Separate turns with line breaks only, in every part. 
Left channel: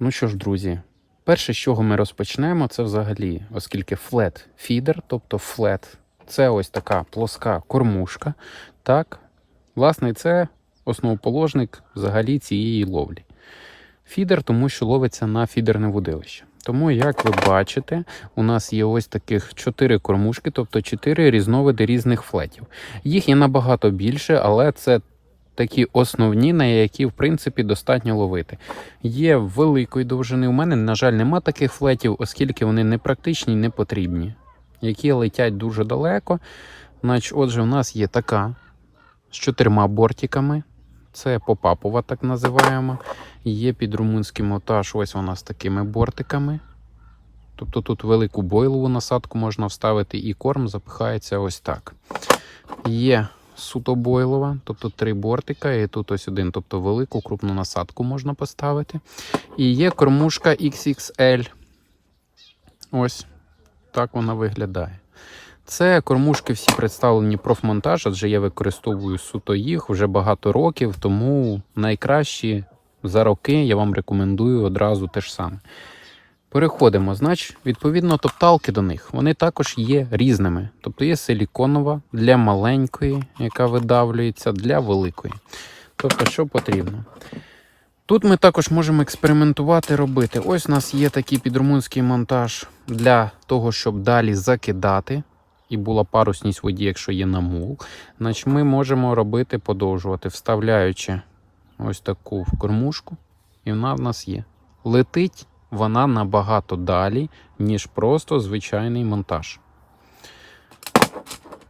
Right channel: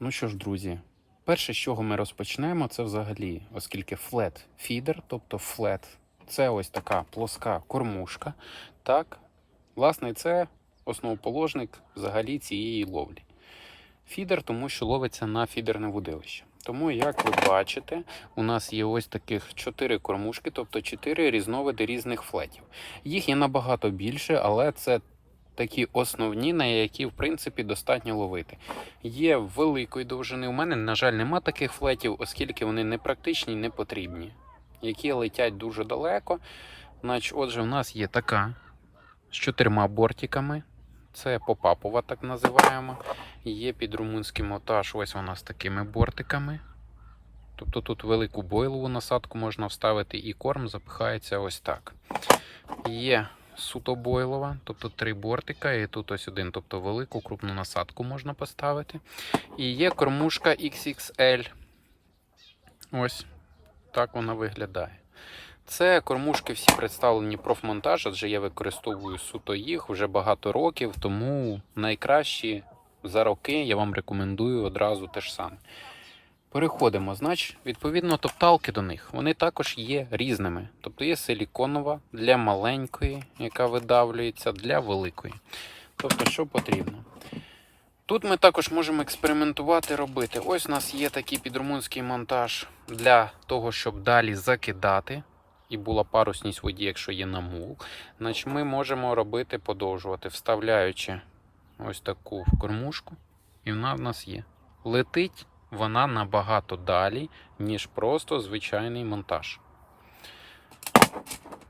Ну що ж, друзі, перше, з чого ми розпочнемо, це взагалі, оскільки флет фідер, тобто флет, це ось така плоска кормушка. Так, власне, це основоположник взагалі цієї ловлі. Фідер, тому що ловиться на фідерне водилище. Тому, як ви бачите, у нас є ось таких чотири кормушки, тобто чотири різновиди різних флетів. Їх є набагато більше, але це такі основні, на які в принципі достатньо ловити. Є великої довжини. У мене, на жаль, нема таких флетів, оскільки вони не практичні, не потрібні, які летять дуже далеко. Значить, отже, у нас є така з чотирма бортиками. Це попапова, так називаємо. Є під румунський мотаж, ось вона з такими бортиками. Тобто тут велику бойлову насадку можна вставити, і корм запихається ось так. Є суто бойлова, тобто три бортика, і тут ось один, тобто велику крупну насадку можна поставити. І є кормушка XXL. Ось так вона виглядає. Це кормушки всі представлені профмонтаж, адже я використовую суто їх вже багато років, тому найкращі за роки я вам рекомендую одразу те ж саме. Переходимо, значить, відповідно, топталки до них вони також є різними. Тобто є силіконова для маленької, яка видавлюється, для великої. Тобто, що потрібно. Тут ми також можемо експериментувати робити. Ось у нас є такий підрумунський монтаж для того, щоб далі закидати. І була парусність воді, якщо є намул. Значить, ми можемо робити, подовжувати, вставляючи ось таку кормушку. І вона в нас є. Летить вона набагато далі, ніж просто звичайний монтаж.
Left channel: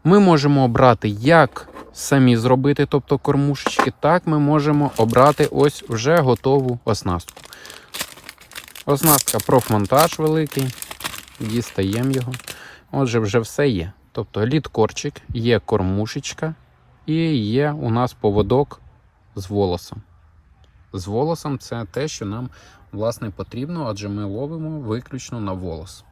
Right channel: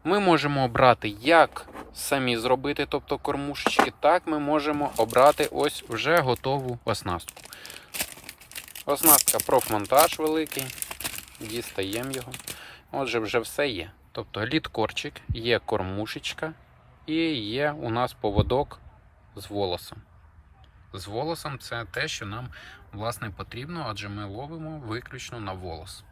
Ми можемо обрати, як самі зробити, тобто кормушечки, так ми можемо обрати ось вже готову оснастку. Оснастка профмонтаж великий, дістаємо його. Отже, вже все є. Тобто літкорчик, є кормушечка і є у нас поводок з волосом. З волосом це те, що нам власне потрібно, адже ми ловимо виключно на волос.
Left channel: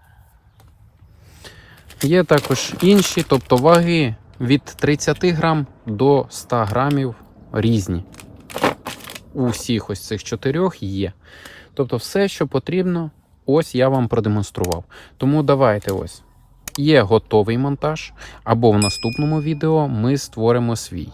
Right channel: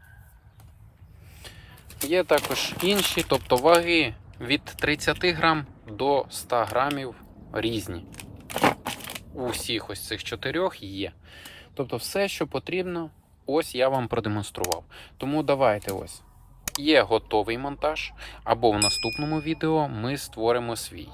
Є також інші, тобто ваги від 30 грам до 100 грамів різні. У всіх ось цих чотирьох є. Тобто, все, що потрібно, ось я вам продемонстрував. Тому давайте ось. Є готовий монтаж, або в наступному відео ми створимо свій.